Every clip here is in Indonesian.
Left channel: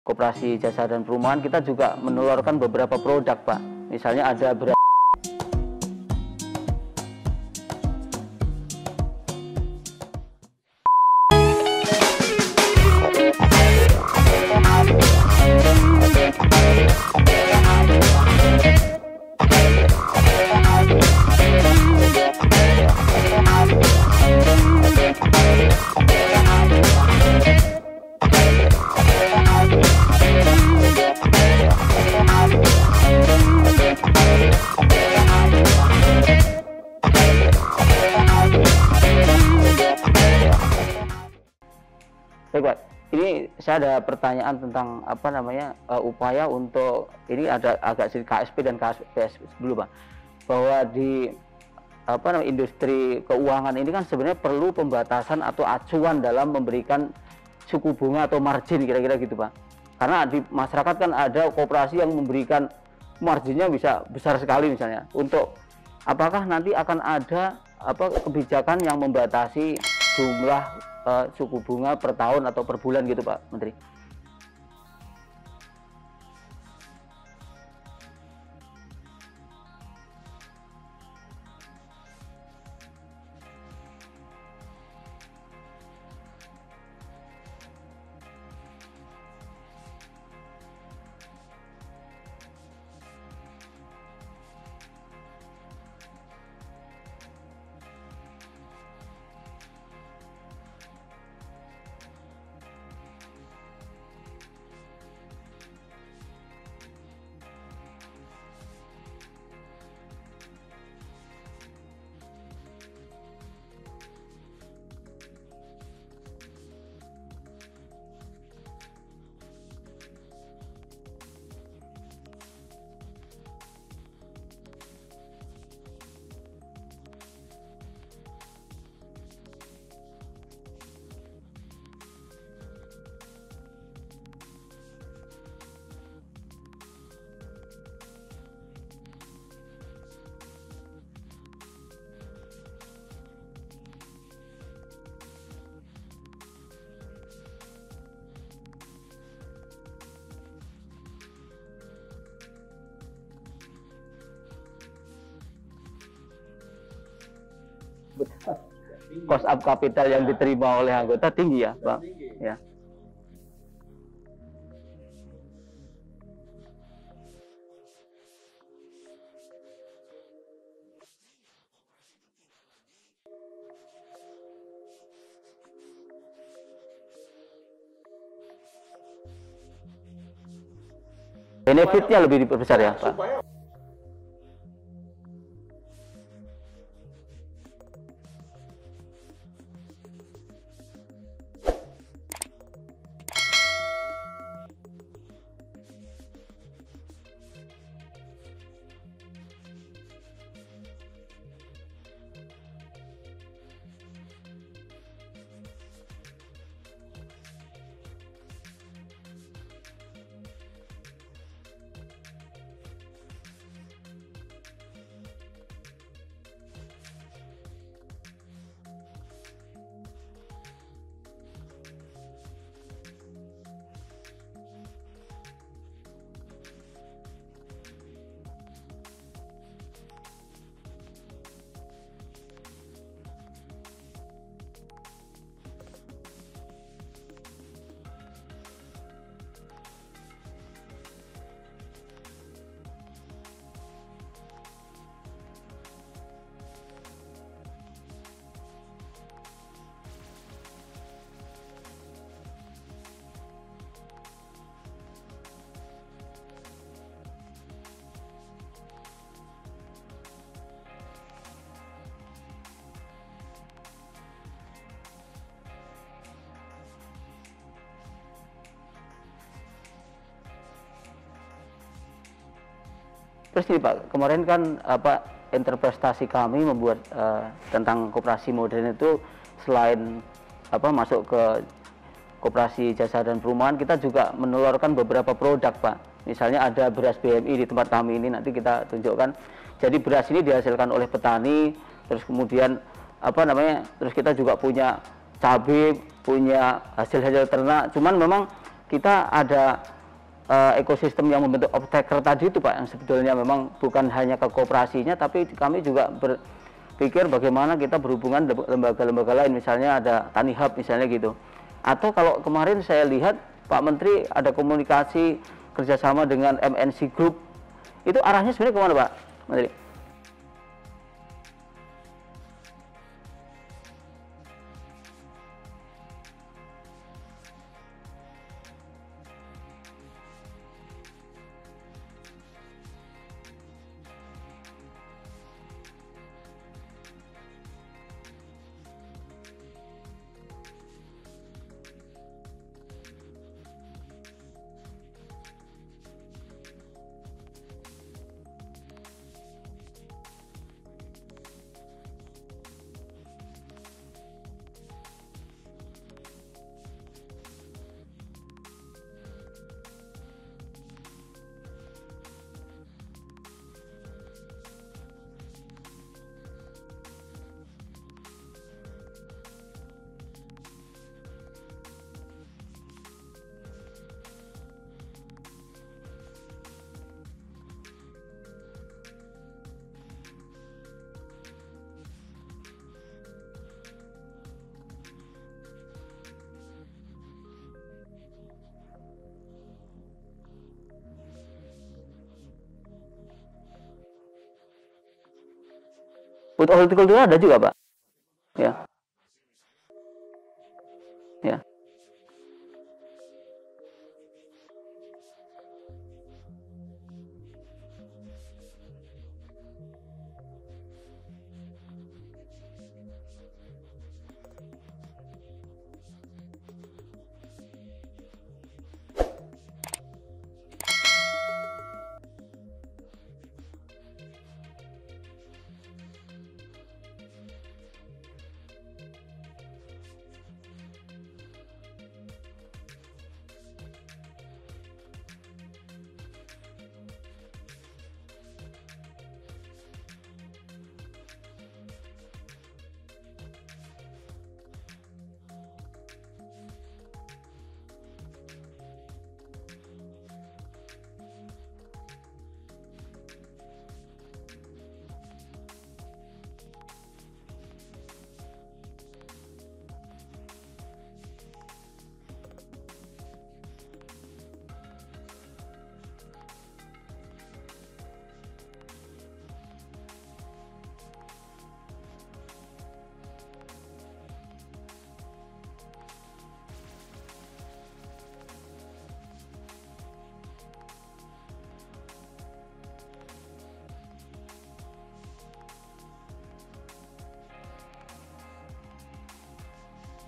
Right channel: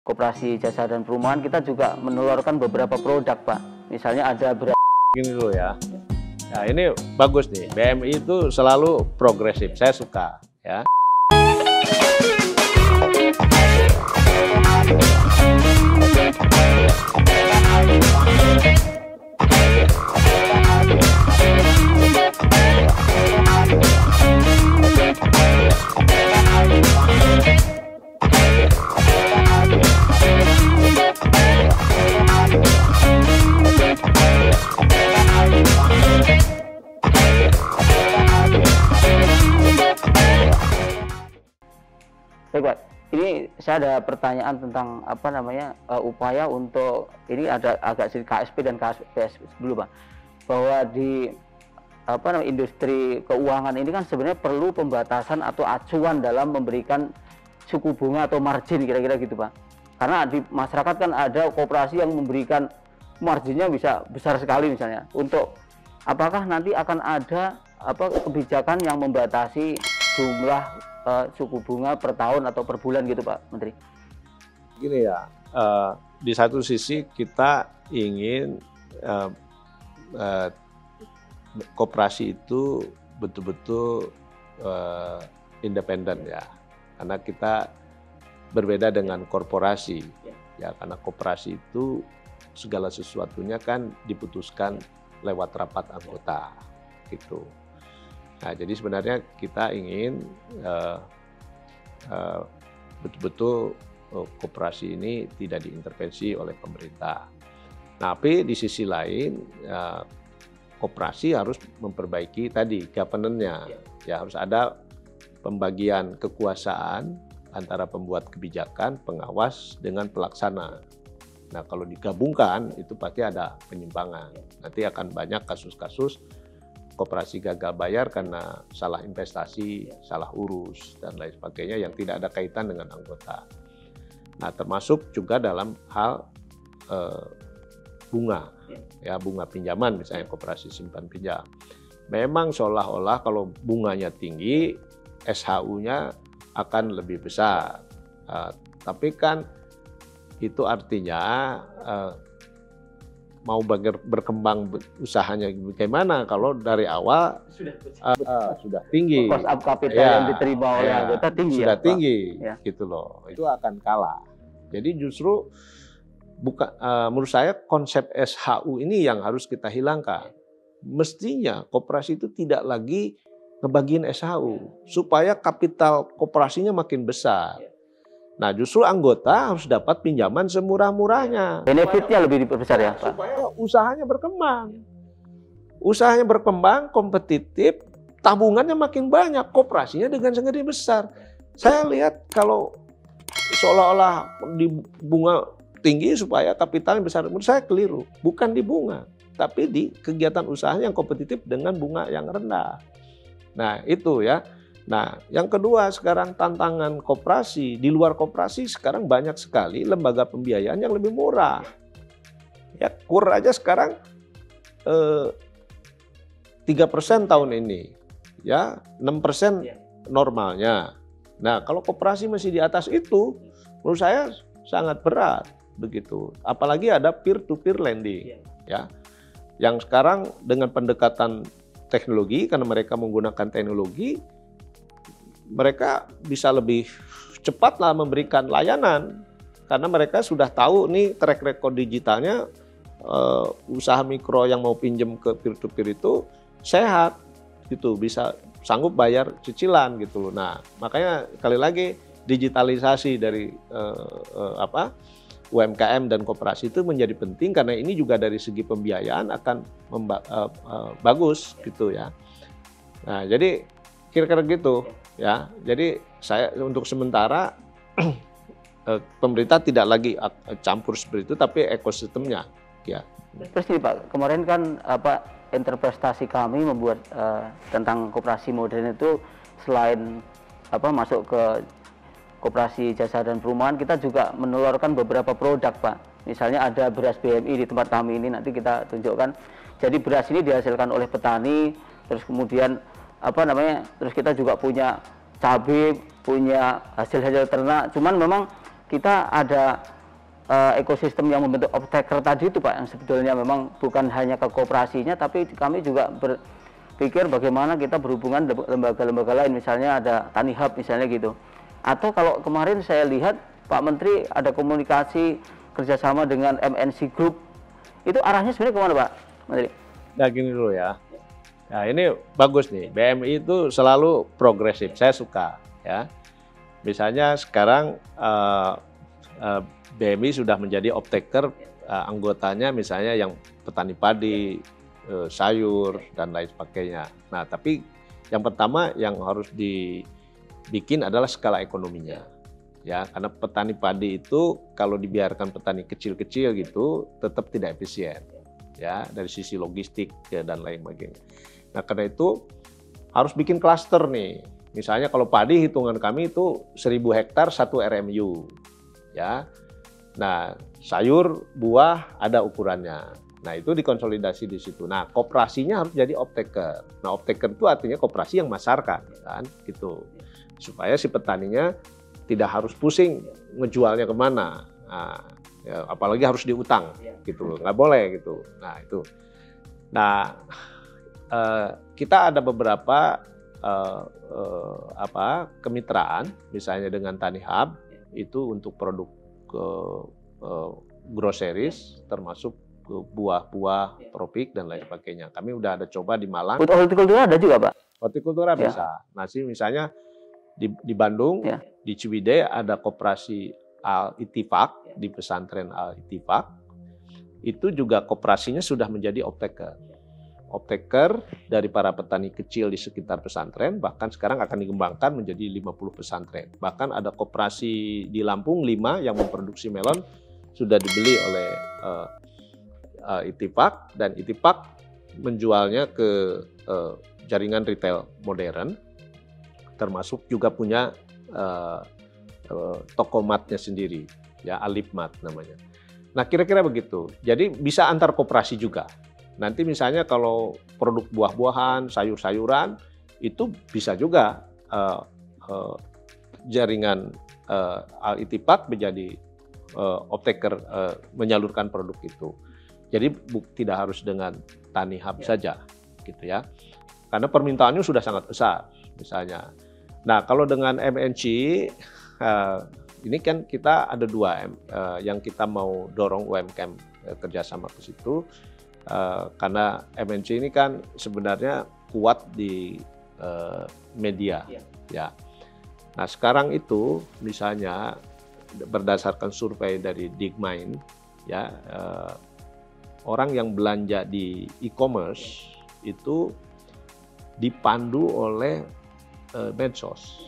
Koperasi Jasa dan Perumahan kita juga menelurkan beberapa produk, Pak. Misalnya ada beras. Gini dulu ya. Nah ini bagus nih, BMI itu selalu progresif, saya suka ya. Baik, Pak. Ini saya ada pertanyaan tentang upaya untuk ini ada agak sedikit KSP dan KSPS dulu, Pak. Bahwa di industri keuangan ini kan sebenarnya perlu pembatasan atau acuan dalam memberikan suku bunga atau margin kira-kira gitu, Pak. Karena di masyarakat kan ada koperasi yang memberikan marginnya bisa besar sekali misalnya. Untuk apakah nanti akan ada kebijakan yang membatasi jumlah suku bunga per tahun atau per bulan gitu, Pak Menteri? Gini ya, di satu sisi kita ingin koperasi itu betul-betul independen ya, karena kita berbeda dengan korporasi ya, karena koperasi itu segala sesuatunya kan diputuskan lewat rapat anggota gitu. Nah, jadi sebenarnya kita ingin betul-betul koperasi ini tidak diintervensi oleh pemerintah. Tapi di sisi lain, koperasi harus memperbaiki tadi governance-nya. Ya, harus ada pembagian kekuasaan antara pembuat kebijakan, pengawas dengan pelaksana. Nah, kalau digabungkan itu pasti ada penyimpangan. Nanti akan banyak kasus-kasus koperasi gagal bayar karena salah investasi, salah urus, dan lain sebagainya yang tidak ada kaitan dengan anggota. Nah, termasuk juga dalam hal bunga, ya bunga pinjaman misalnya koperasi simpan pinjam. Memang seolah-olah kalau bunganya tinggi, SHU-nya akan lebih besar. Tapi kan itu artinya mau berkembang usahanya bagaimana kalau dari awal sudah tinggi, cost up capital yang diterima oleh anggota tinggi, sudah ya, tinggi, Pak? gitu loh, itu akan kalah. Jadi justru menurut saya konsep SHU ini yang harus kita hilangkan. Mestinya koperasi itu tidak lagi ngebagiin SHU supaya kapital koperasinya makin besar. Nah, justru anggota harus dapat pinjaman semurah-murahnya. Benefitnya lebih diperbesar ya, Pak? Supaya usahanya berkembang. Usahanya berkembang, kompetitif, tabungannya makin banyak, koperasinya dengan segede besar. Saya lihat kalau seolah-olah di bunga tinggi supaya kapitalnya besar, menurut saya keliru. Bukan di bunga, tapi di kegiatan usahanya yang kompetitif dengan bunga yang rendah. Nah, itu ya. Nah, yang kedua sekarang tantangan koperasi, di luar koperasi sekarang banyak sekali lembaga pembiayaan yang lebih murah. Ya, KUR aja sekarang 3% tahun ini, ya 6% normalnya. Nah, kalau koperasi masih di atas itu, menurut saya sangat berat begitu. Apalagi ada peer-to-peer lending, ya, yang sekarang dengan pendekatan teknologi, karena mereka menggunakan teknologi, mereka bisa lebih cepatlah memberikan layanan karena mereka sudah tahu nih track record digitalnya, usaha mikro yang mau pinjam ke peer-to-peer itu sehat gitu, bisa sanggup bayar cicilan gitu. Nah, makanya sekali lagi digitalisasi dari UMKM dan koperasi itu menjadi penting karena ini juga dari segi pembiayaan akan bagus gitu ya. Nah, jadi kira-kira gitu ya. Jadi saya untuk sementara pemerintah tidak lagi campur seperti itu, tapi ekosistemnya ya. Terus nih Pak, kemarin kan interpretasi kami membuat tentang koperasi modern itu selain masuk ke koperasi jasa dan perumahan, kita juga menelurkan beberapa produk, Pak. Misalnya ada beras BMI di tempat kami ini, nanti kita tunjukkan. Jadi beras ini dihasilkan oleh petani, terus kemudian terus kita juga punya cabai, punya hasil-hasil ternak. Cuman memang kita ada ekosistem yang membentuk off-taker tadi itu Pak, yang sebetulnya memang bukan hanya ke koperasinya, tapi kami juga berpikir bagaimana kita berhubungan lembaga-lembaga lain, misalnya ada Tani Hub misalnya gitu. Atau kalau kemarin saya lihat Pak Menteri ada komunikasi kerjasama dengan MNC Group, itu arahnya sebenarnya kemana Pak Menteri? Nah gini dulu ya, nah ini bagus nih, BMI itu selalu progresif, saya suka ya. Misalnya sekarang BMI sudah menjadi off-taker, anggotanya misalnya yang petani padi, sayur, dan lain sebagainya. Nah, tapi yang pertama yang harus dibikin adalah skala ekonominya. Ya, karena petani padi itu kalau dibiarkan petani kecil-kecil gitu, tetap tidak efisien. Ya, dari sisi logistik ya, dan lain sebagainya. Nah, karena itu harus bikin klaster nih. Misalnya kalau padi hitungan kami itu 1.000 hektar 1 RMU. Ya. Nah, sayur, buah ada ukurannya. Nah, itu dikonsolidasi di situ. Nah, koperasinya harus jadi off-taker. Nah, off-taker itu artinya koperasi yang masarkan, kan, gitu. Supaya si petaninya tidak harus pusing ngejualnya kemana. Nah, ya, apalagi harus diutang, gitu. Nggak boleh, gitu. Nah, itu. Nah, kita ada beberapa kemitraan, misalnya dengan Tani Hub, itu untuk produk groceries, termasuk buah-buah tropik dan lain sebagainya. Kami udah ada coba di Malang. Untuk hortikultura ada juga Pak? Hortikultura ya. bisa. Nah, misalnya di Bandung, ya. di Ciwidey ada koperasi Al-Ittifaq, di pesantren Al-Ittifaq. Itu juga koperasinya sudah menjadi off-taker. Off-taker dari para petani kecil di sekitar pesantren, bahkan sekarang akan dikembangkan menjadi 50 pesantren. Bahkan ada koperasi di Lampung 5 yang memproduksi melon sudah dibeli oleh Ittifaq, dan Ittifaq menjualnya ke jaringan retail modern, termasuk juga punya toko matnya sendiri, ya Alif Mat namanya. Nah, kira-kira begitu. Jadi bisa antar koperasi juga. Nanti misalnya kalau produk buah-buahan, sayur-sayuran, itu bisa juga jaringan Al-Ittifaq menjadi off-taker, menyalurkan produk itu. Jadi tidak harus dengan Tani Hub saja, gitu ya. Karena permintaannya sudah sangat besar, misalnya. Nah, kalau dengan MNC, ini kan kita ada 2 yang kita mau dorong UMKM kerjasama ke situ. Karena MNC ini kan sebenarnya kuat di media, ya. Nah, sekarang itu misalnya berdasarkan survei dari Digmind, ya, orang yang belanja di e-commerce itu dipandu oleh medsos,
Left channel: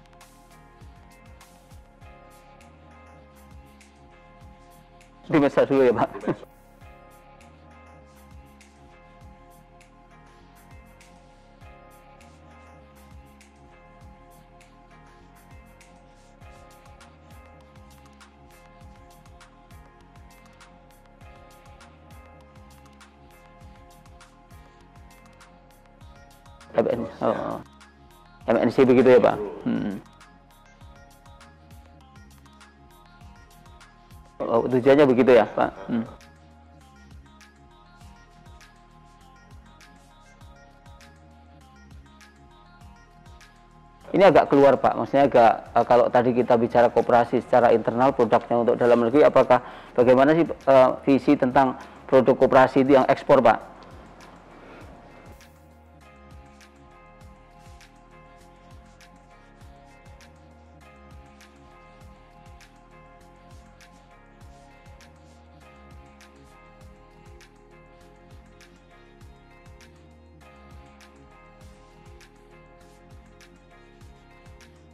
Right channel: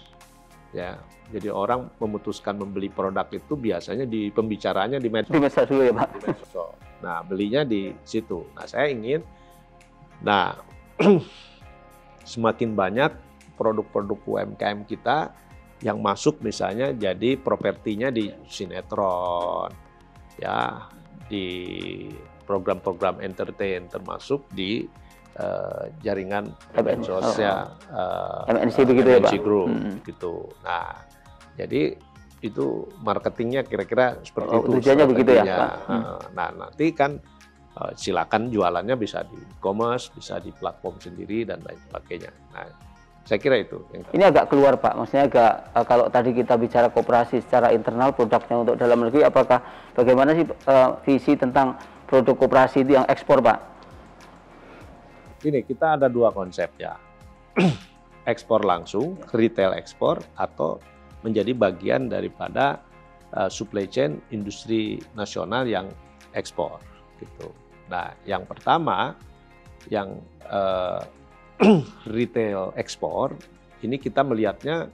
ya. Jadi orang memutuskan membeli produk itu biasanya di pembicaranya di medsos. Di medsos dulu ya Pak. Di medsos. Nah, belinya di situ. Nah, saya ingin, semakin banyak produk-produk UMKM kita yang masuk misalnya jadi propertinya di sinetron, ya, di program-program entertain, termasuk di jaringan sosial MNC begitu ya Pak. Group, gitu. Nah, jadi itu marketingnya kira-kira seperti itu. Tujuannya begitu ya Pak. Nah, nanti kan silakan jualannya bisa di e-commerce, bisa di platform sendiri dan lain sebagainya. Nah, saya kira itu. Ini agak keluar Pak, maksudnya agak kalau tadi kita bicara koperasi secara internal produknya untuk dalam negeri, apakah bagaimana sih visi tentang produk koperasi itu yang ekspor Pak? Ini kita ada 2 konsep ya, ekspor langsung, retail ekspor, atau menjadi bagian daripada supply chain industri nasional yang ekspor, gitu. Nah, yang pertama, yang retail ekspor, ini kita melihatnya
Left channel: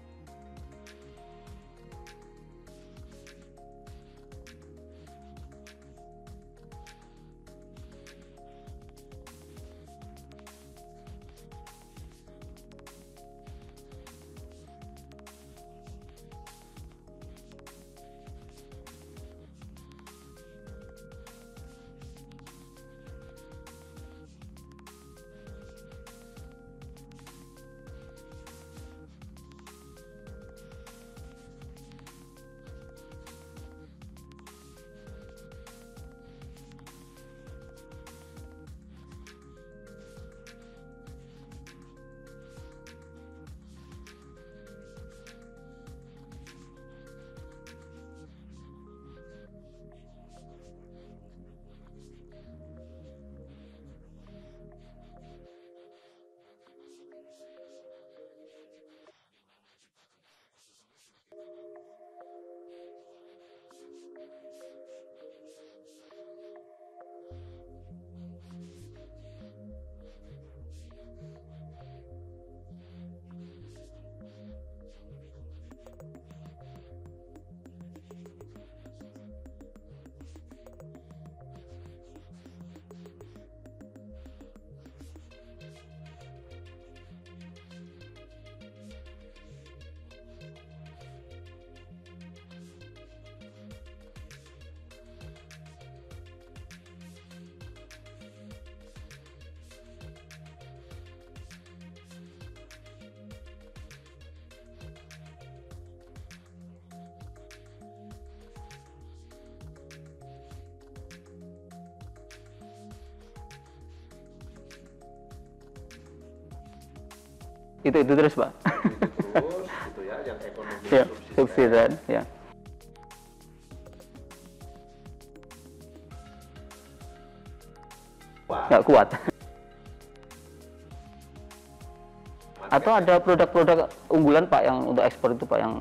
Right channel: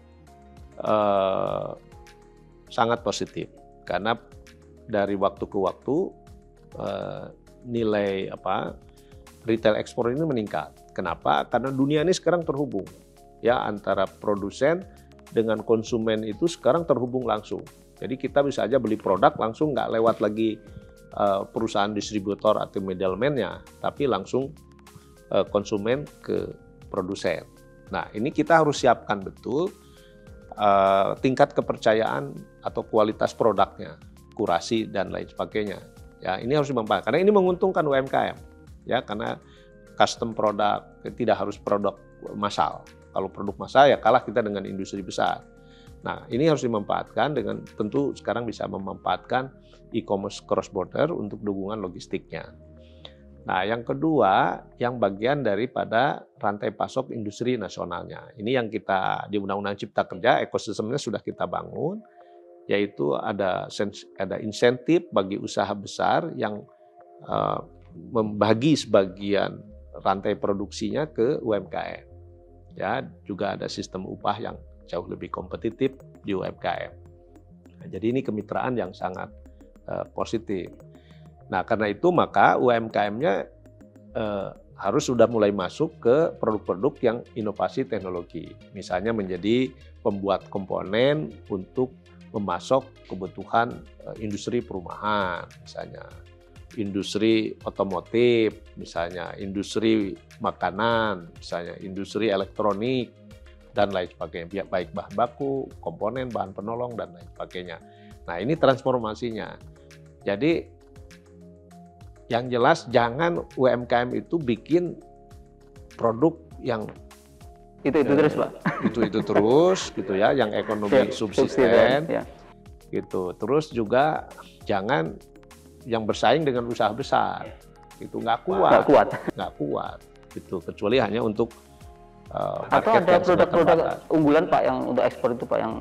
sangat positif, karena dari waktu ke waktu nilai retail ekspor ini meningkat. Kenapa? Karena dunia ini sekarang terhubung, ya, antara produsen dengan konsumen itu sekarang terhubung langsung. Jadi kita bisa aja beli produk langsung, nggak lewat lagi perusahaan distributor atau middleman-nya, tapi langsung konsumen ke produsen. Nah, ini kita harus siapkan betul tingkat kepercayaan atau kualitas produknya, kurasi dan lain sebagainya. Ya, ini harus dimanfaatkan karena ini menguntungkan UMKM. Ya, karena custom produk tidak harus produk massal. Kalau produk massal ya kalah kita dengan industri besar. Nah, ini harus dimanfaatkan dengan tentu sekarang bisa memanfaatkan e-commerce cross border untuk dukungan logistiknya. Nah, yang kedua, yang bagian daripada rantai pasok industri nasionalnya. Ini yang kita di Undang-Undang Cipta Kerja, ekosistemnya sudah kita bangun, yaitu ada insentif bagi usaha besar yang membagi sebagian rantai produksinya ke UMKM. Ya, juga ada sistem upah yang jauh lebih kompetitif di UMKM. Nah, jadi ini kemitraan yang sangat positif. Nah, karena itu maka UMKM-nya harus sudah mulai masuk ke produk-produk yang inovasi teknologi. Misalnya menjadi pembuat komponen untuk memasok kebutuhan industri perumahan, misalnya industri otomotif, misalnya industri makanan, misalnya industri elektronik, dan lain sebagainya, baik bahan baku, komponen, bahan penolong, dan lain sebagainya. Nah, ini transformasinya. Jadi, yang jelas jangan UMKM itu bikin produk yang itu terus, Pak. Itu terus gitu ya, yang ekonomi subsisten ya. Gitu. Terus juga jangan yang bersaing dengan usaha besar. Itu nggak kuat. Gitu. Kecuali hanya untuk atau ada produk-produk unggulan, Pak, yang untuk ekspor itu, Pak, yang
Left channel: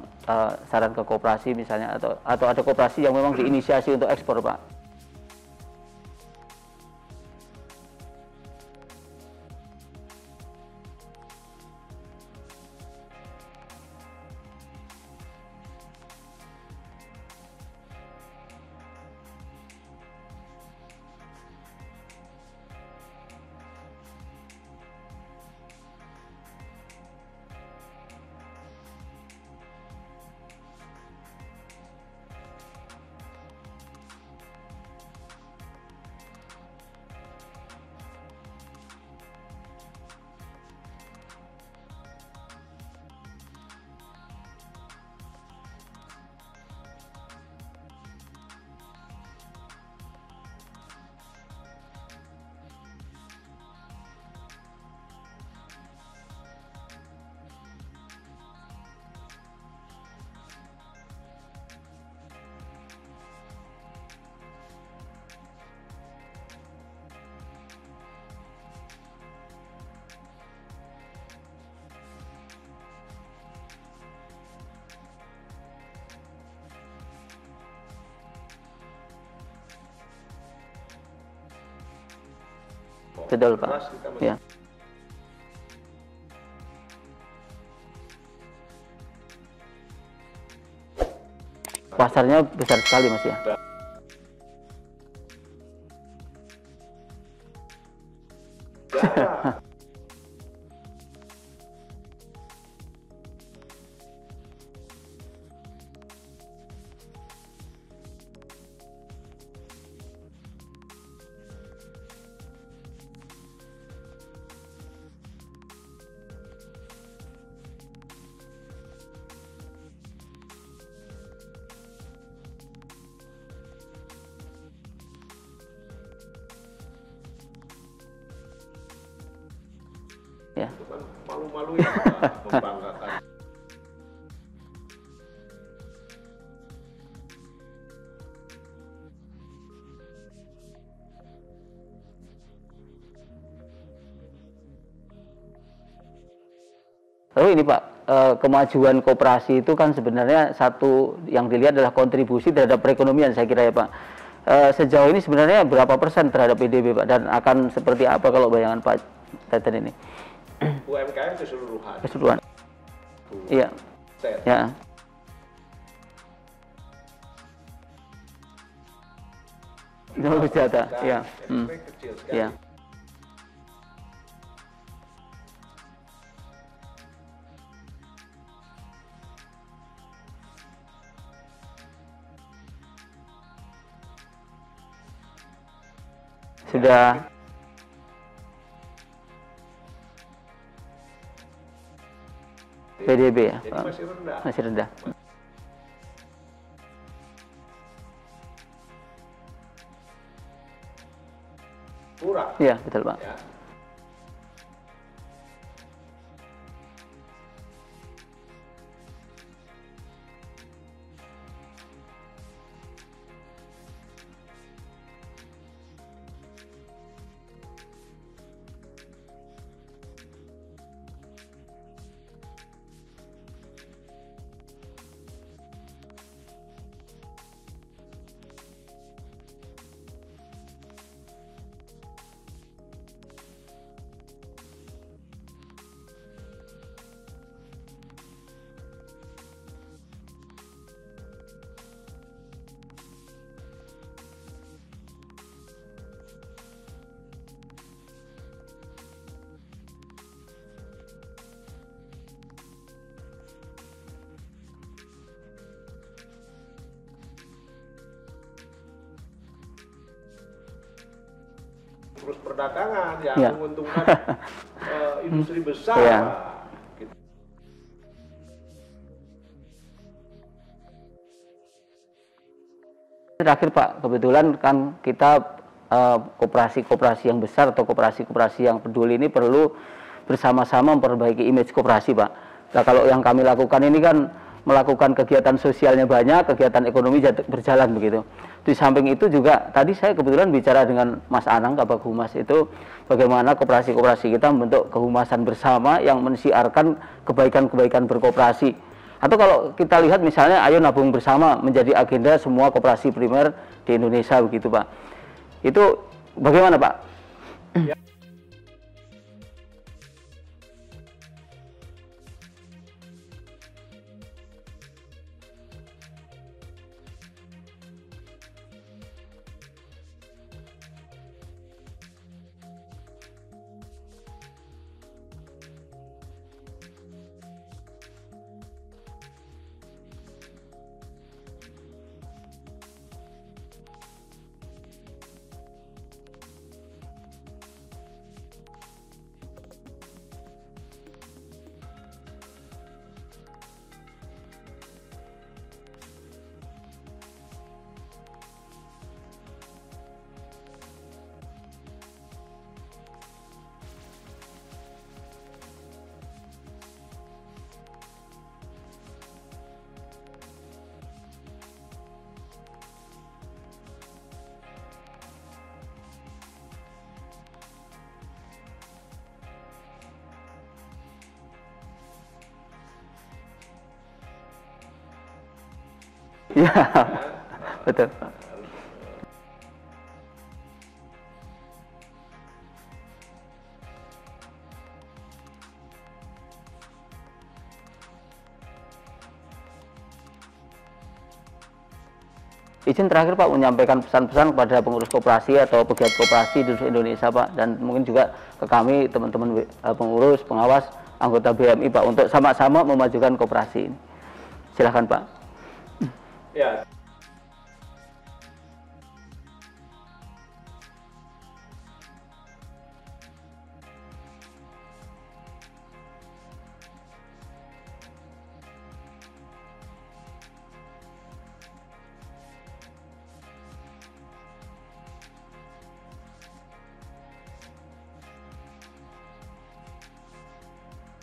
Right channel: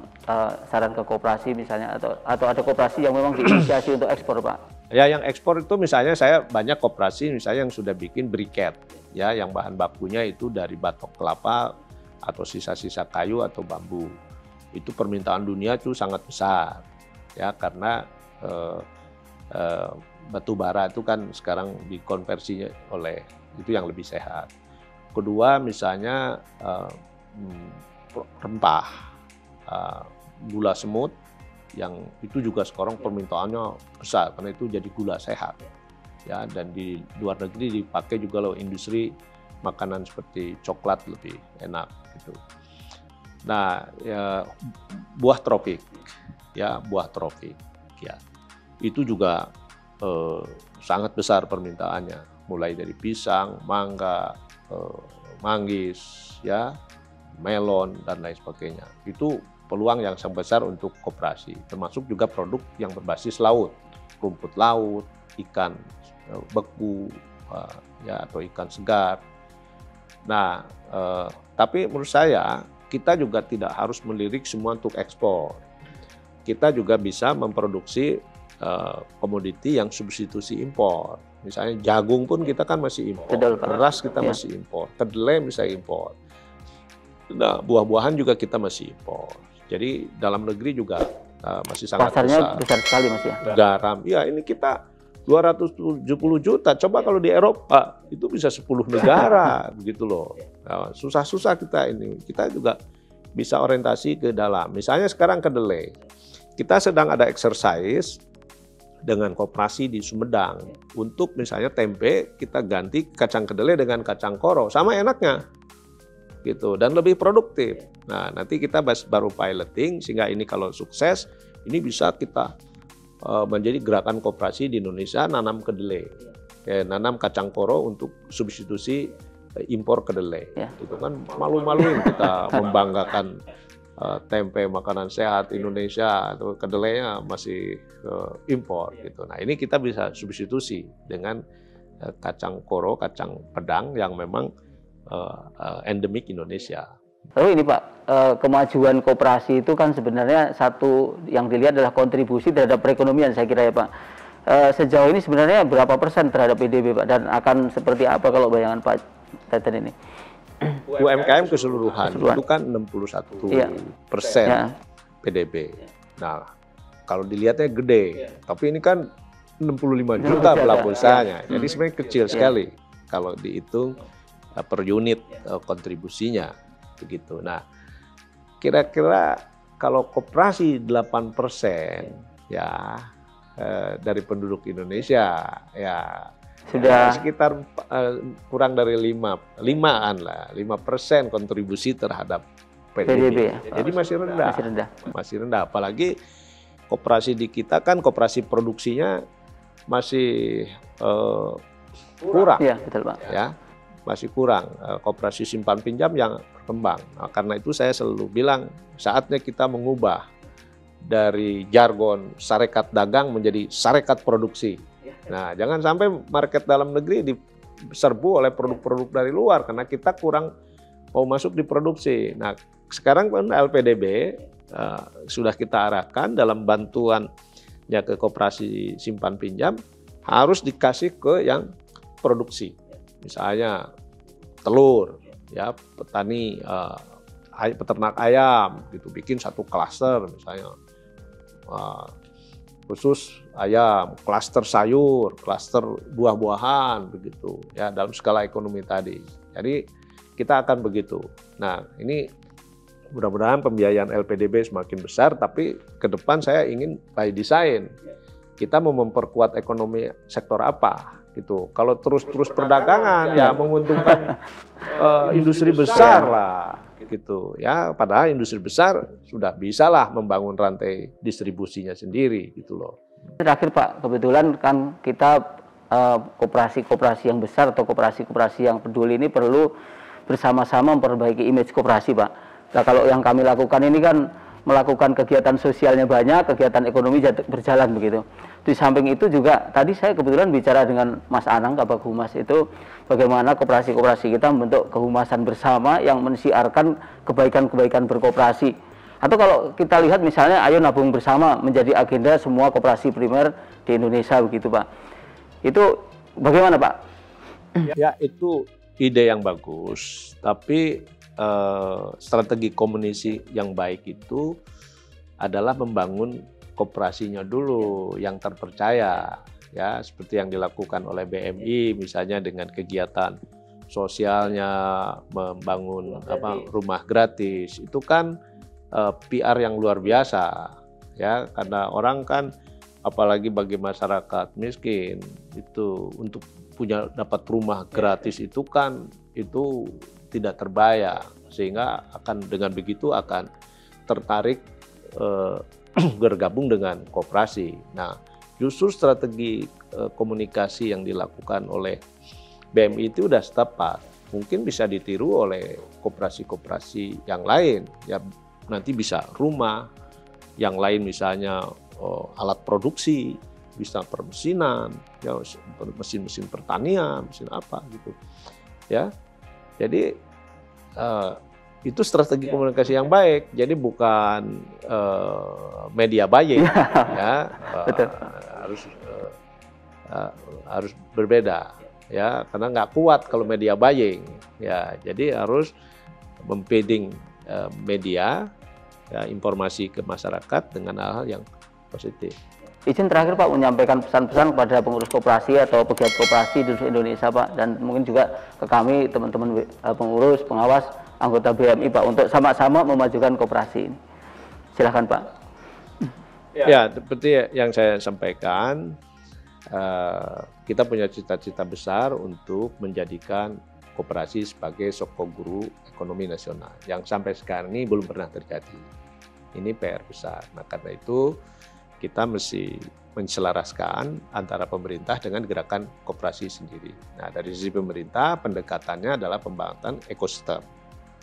saran ke koperasi misalnya, atau ada koperasi yang memang diinisiasi untuk ekspor, Pak? Ya, yang ekspor itu misalnya saya banyak koperasi misalnya yang sudah bikin briket, ya, yang bahan bakunya itu dari batok kelapa atau sisa-sisa kayu atau bambu. Itu permintaan dunia itu sangat besar, ya, karena batu bara itu kan sekarang dikonversinya oleh itu yang lebih sehat. Kedua misalnya rempah, gula semut, yang itu juga sekarang permintaannya besar karena itu jadi gula sehat, ya, dan di luar negeri dipakai juga loh industri makanan seperti coklat lebih enak gitu. Nah, ya, buah tropik, ya, itu juga sangat besar permintaannya, mulai dari pisang, mangga, manggis, ya, melon, dan lain sebagainya. Itu peluang yang sangat besar untuk koperasi, termasuk juga produk yang berbasis laut, rumput laut, ikan beku, ya, atau ikan segar. Nah, tapi menurut saya kita juga tidak harus melirik semua untuk ekspor. Kita juga bisa memproduksi komoditi yang substitusi impor. Misalnya jagung pun kita kan masih impor, beras kita masih impor, kedelai bisa impor. Nah, buah-buahan juga kita masih impor. Jadi dalam negeri juga masih sangat pasarnya besar sekali, Mas, ya. Garam, ya, ini kita 270 juta. Coba kalau di Eropa itu bisa 10 negara, begitu loh. Nah, susah-susah kita ini. Kita juga bisa orientasi ke dalam. Misalnya sekarang kedelai, kita sedang ada exercise dengan koperasi di Sumedang untuk misalnya tempe kita ganti kacang kedelai dengan kacang koro, sama enaknya. Gitu, dan lebih produktif. Nah, nanti kita baru piloting sehingga ini kalau sukses, ini bisa kita menjadi gerakan koperasi di Indonesia nanam kedelai, nanam kacang koro untuk substitusi impor kedelai. Ya. Itu kan malu-malu kita membanggakan tempe makanan sehat Indonesia atau kedelainya masih impor gitu. Nah, ini kita bisa substitusi dengan kacang koro, kacang pedang yang memang endemik Indonesia. Lalu ini, Pak, kemajuan koperasi itu kan sebenarnya satu yang dilihat adalah kontribusi terhadap perekonomian, saya kira, ya, Pak. Sejauh ini sebenarnya berapa persen terhadap PDB, Pak, dan akan seperti apa kalau bayangan Pak Teten ini? UMKM keseluruhan itu kan 61% ya. PDB. Nah, kalau dilihatnya gede, tapi ini kan 65 juta pelaku usahanya. Jadi sebenarnya kecil sekali kalau dihitung per unit kontribusinya, begitu. Nah, kira-kira kalau koperasi 8% ya dari penduduk Indonesia, ya sudah sekitar kurang dari 5% kontribusi terhadap PDB. Ya, jadi masih rendah. Apalagi koperasi di kita kan koperasi produksinya masih kurang. Iya, betul Pak. Ya, masih kurang koperasi simpan pinjam yang berkembang. Nah, karena itu saya selalu bilang saatnya kita mengubah dari jargon sarekat dagang menjadi sarekat produksi. Nah, jangan sampai market dalam negeri diserbu oleh produk-produk dari luar karena kita kurang mau masuk di produksi. Nah, sekarang kan LPDB sudah kita arahkan dalam bantuannya ke koperasi simpan pinjam harus dikasih ke yang produksi. Misalnya telur, ya petani peternak ayam gitu bikin satu klaster misalnya khusus ayam, klaster sayur, klaster buah-buahan begitu ya dalam skala ekonomi tadi. Jadi kita akan begitu. Nah, ini mudah-mudahan pembiayaan LPDB semakin besar, tapi ke depan saya ingin by design kita mau memperkuat ekonomi sektor apa gitu. Kalau terus perdagangan ya menguntungkan industri besar lah gitu ya. Padahal industri besar sudah bisalah membangun rantai distribusinya sendiri gitu loh. Terakhir Pak, kebetulan kan kita koperasi-koperasi yang besar atau koperasi-koperasi yang peduli ini perlu bersama-sama memperbaiki image koperasi Pak. Nah, kalau yang kami lakukan ini kan melakukan kegiatan sosialnya banyak, kegiatan ekonomi berjalan begitu. Di samping itu juga tadi saya kebetulan bicara dengan Mas Anang, Kabag Humas, itu bagaimana koperasi-koperasi kita membentuk kehumasan bersama yang mensiarkan kebaikan-kebaikan berkoperasi. Atau kalau kita lihat misalnya ayo nabung bersama menjadi agenda semua koperasi primer di Indonesia begitu Pak. Itu bagaimana Pak? Ya itu ide yang bagus, tapi strategi komunikasi yang baik itu adalah membangun koperasinya dulu yang terpercaya ya seperti yang dilakukan oleh BMI misalnya dengan kegiatan sosialnya membangun rumah gratis itu kan PR yang luar biasa ya karena orang kan apalagi bagi masyarakat miskin itu untuk dapat rumah gratis itu kan itu tidak terbayang sehingga akan dengan begitu akan tertarik bergabung dengan koperasi. Nah, justru strategi komunikasi yang dilakukan oleh BMI itu sudah tepat. Mungkin bisa ditiru oleh koperasi-koperasi yang lain. Ya, nanti bisa rumah, yang lain misalnya alat produksi, bisa permesinan, ya, mesin-mesin pertanian, mesin apa gitu. Ya. Jadi itu strategi komunikasi yang baik. Jadi bukan media buying, ya, harus berbeda, ya, karena nggak kuat kalau media buying, ya. Jadi harus mempeding media, ya, informasi ke masyarakat dengan hal-hal yang positif. Izin terakhir Pak menyampaikan pesan-pesan kepada pengurus koperasi atau pegiat koperasi di seluruh Indonesia Pak dan mungkin juga ke kami teman-teman pengurus, pengawas, anggota BMI Pak untuk sama-sama memajukan koperasi ini. Silahkan Pak. Ya, seperti yang saya sampaikan, kita punya cita-cita besar untuk menjadikan koperasi sebagai soko guru ekonomi nasional yang sampai sekarang ini belum pernah terjadi. Ini PR besar. Nah, karena itu kita mesti menselaraskan antara pemerintah dengan gerakan koperasi sendiri. Nah, dari sisi pemerintah, pendekatannya adalah pembangunan ekosistem,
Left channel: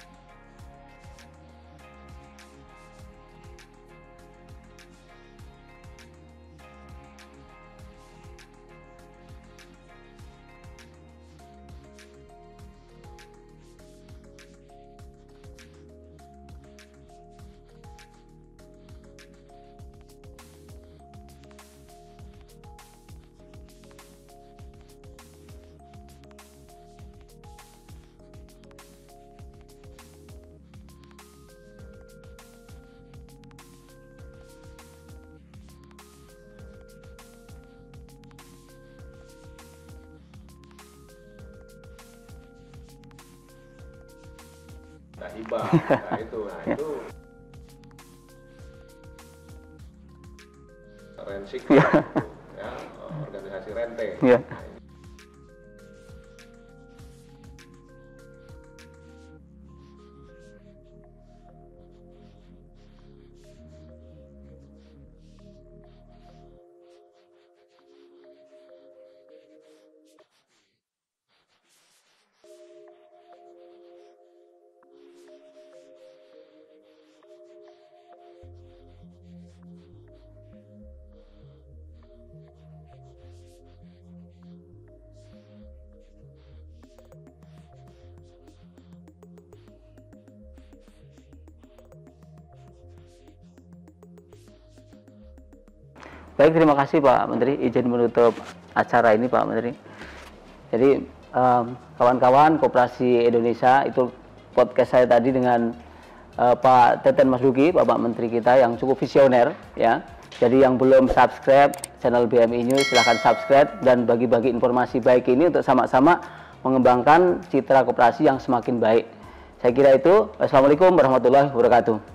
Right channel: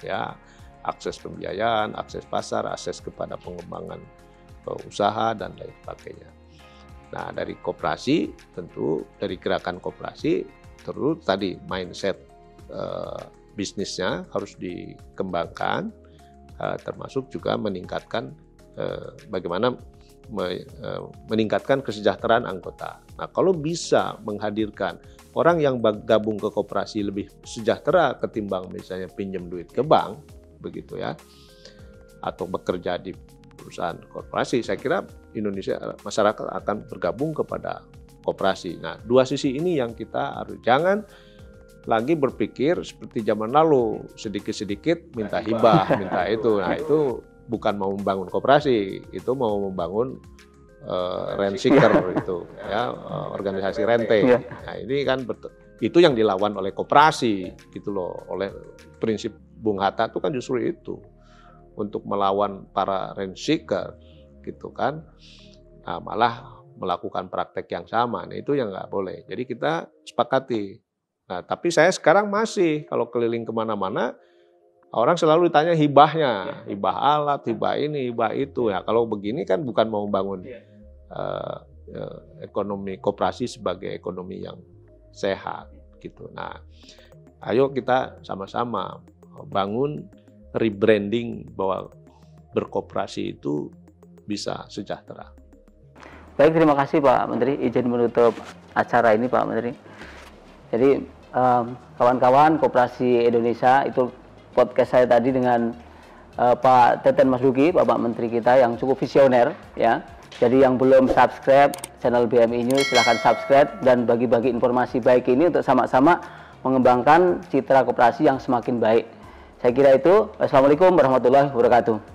ya, akses pembiayaan, akses pasar, akses kepada pengembangan usaha dan lain sebagainya. Nah, dari koperasi tentu dari gerakan koperasi terus tadi mindset bisnisnya harus dikembangkan, termasuk juga meningkatkan bagaimana meningkatkan kesejahteraan anggota. Nah, kalau bisa menghadirkan orang yang gabung ke koperasi lebih sejahtera ketimbang misalnya pinjam duit ke bank, begitu ya, atau bekerja di perusahaan korporasi, saya kira Indonesia masyarakat akan bergabung kepada koperasi. Nah, dua sisi ini yang kita harus jangan lagi berpikir seperti zaman lalu sedikit-sedikit minta hibah, minta itu. Nah, itu bukan mau membangun koperasi, itu mau membangun rent seeker itu, ya, organisasi rente. Nah, ini kan itu yang dilawan oleh koperasi, gitu loh. Oleh prinsip Bung Hatta itu kan justru itu untuk melawan para rent seeker, gitu kan. malah melakukan praktek yang sama. Nah, itu yang nggak boleh. Jadi kita sepakati. Nah, tapi saya sekarang masih kalau keliling kemana-mana, orang selalu ditanya hibahnya, hibah alat, hibah ini, hibah itu. Ya, kalau begini kan bukan mau bangun ekonomi koperasi sebagai ekonomi yang sehat, gitu. Nah, ayo kita sama-sama bangun rebranding bahwa berkoperasi itu bisa sejahtera. Baik, terima kasih Pak Menteri, izin menutup acara ini Pak Menteri. Jadi kawan-kawan Koperasi Indonesia, itu podcast saya tadi dengan Pak Teten Mas Duki, Bapak Menteri kita yang cukup visioner ya. Jadi yang belum subscribe channel BMI News silahkan subscribe dan bagi-bagi informasi baik ini untuk sama-sama mengembangkan citra koperasi yang semakin baik. Saya kira itu. Wassalamualaikum warahmatullahi wabarakatuh.